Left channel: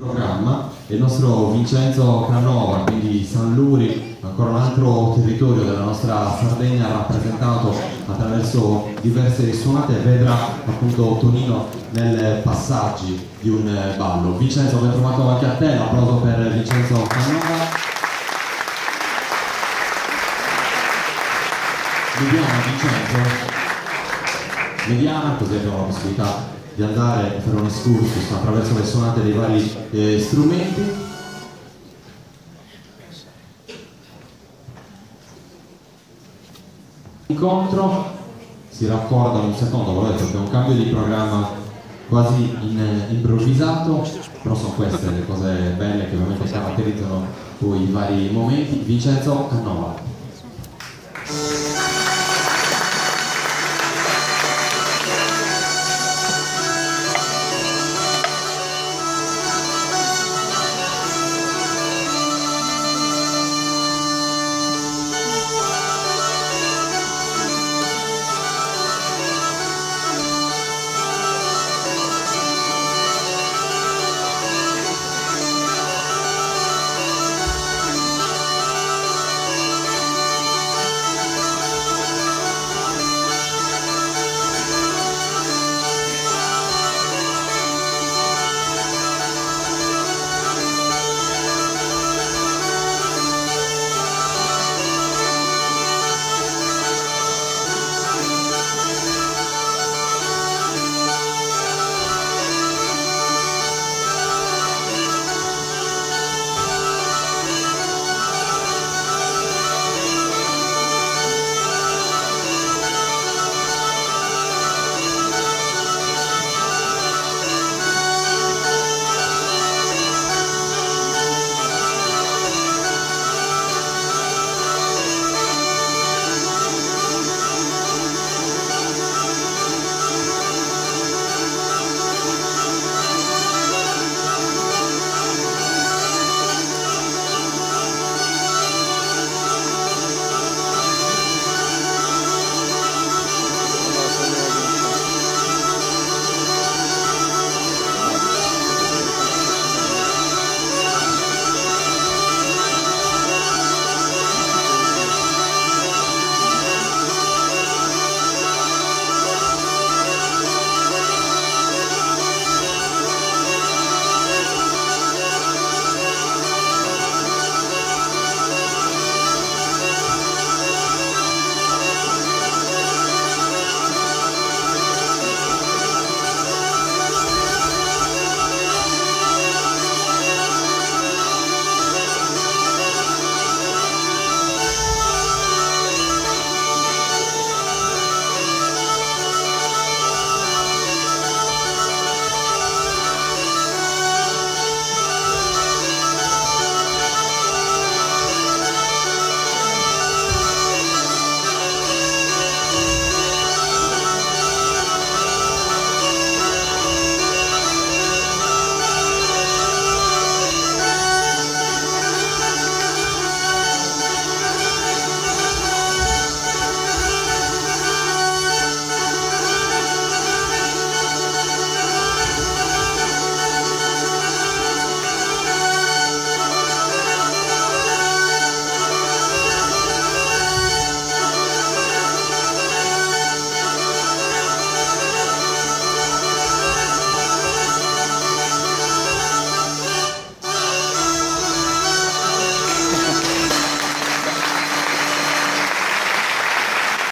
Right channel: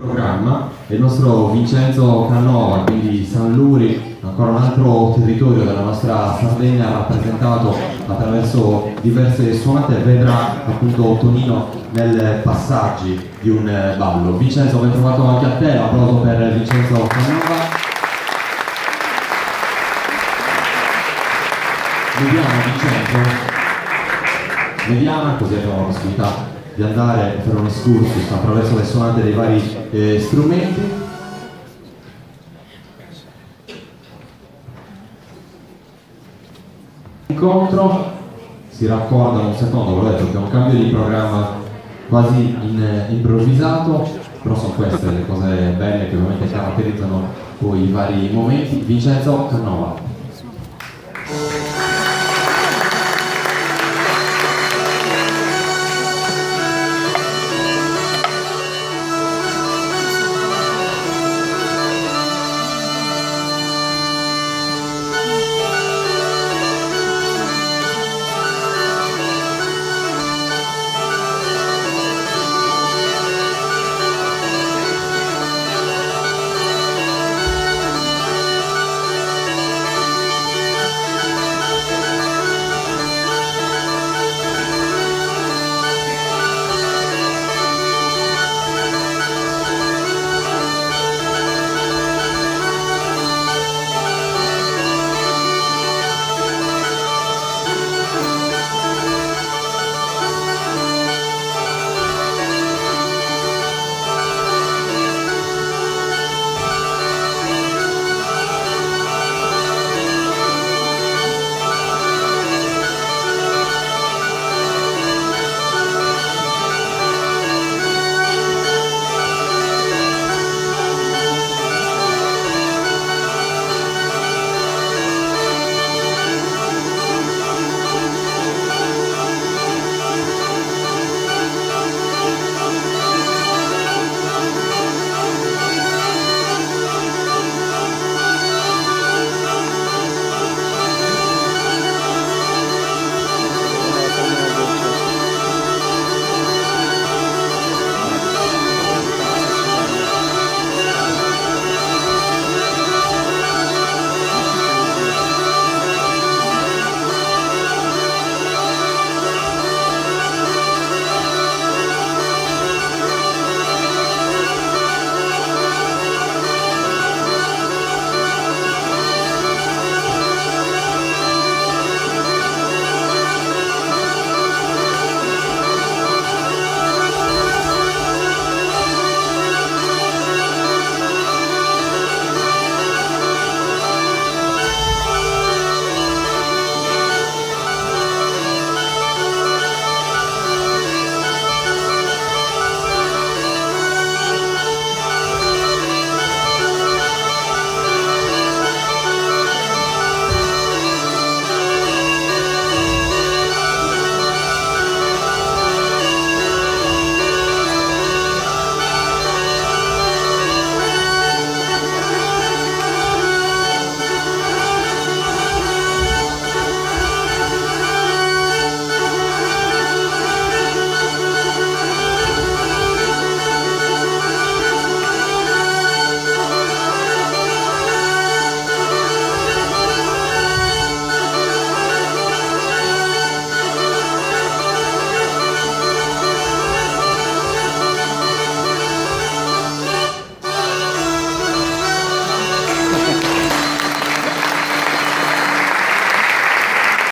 Programma è il nostro Vincenzo Canova, quindi San Luri, ancora un altro territorio della nostra Sardegna rappresentato attraverso diverse suonate, vedrà appunto Tonino nel passaggi di un ballo. Vincenzo, ben trovato anche a te, l'applauso per Vincenzo Canova. Vediamo Vincenzo, vediamo così abbiamo la possibilità di andare a fare un excursus attraverso le suonate dei vari strumenti. Incontro, si raccordano un secondo, l'ho detto che è un cambio di programma quasi improvvisato, però sono queste le cose belle che ovviamente caratterizzano poi i vari momenti. Vincenzo Canova.